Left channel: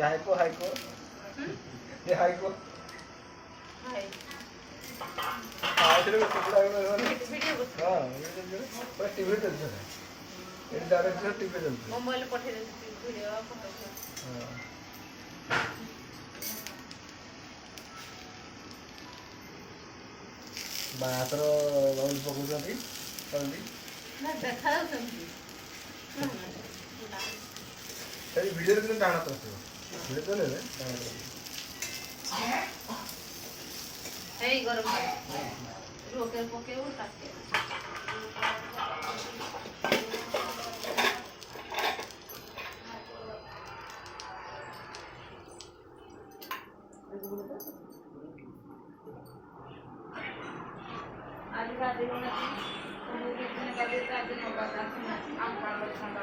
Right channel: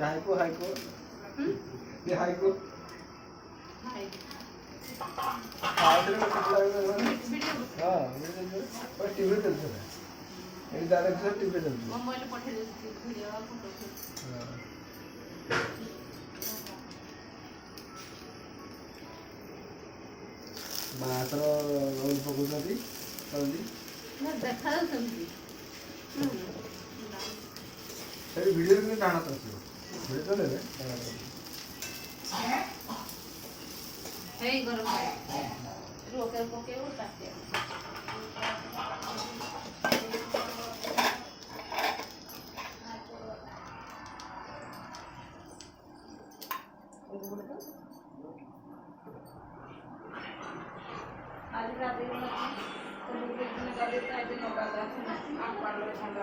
haiku haiku ये हाइको आखिर में कुछ लग रहा है हां पर टीवी चलता है ये डायरेक्ट से टीवी चलता है मोबाइल पठे दे वीडियो फोटो हां बातर रोल पकुचती हल्दी ना देखा समझी तेरी वीडियो में डालना तो वीडियो तो ले ले है गरम है रोके पोके उठाते आज का दिन है आज 9 बजे आज 9 बजे आप पालो ठंडा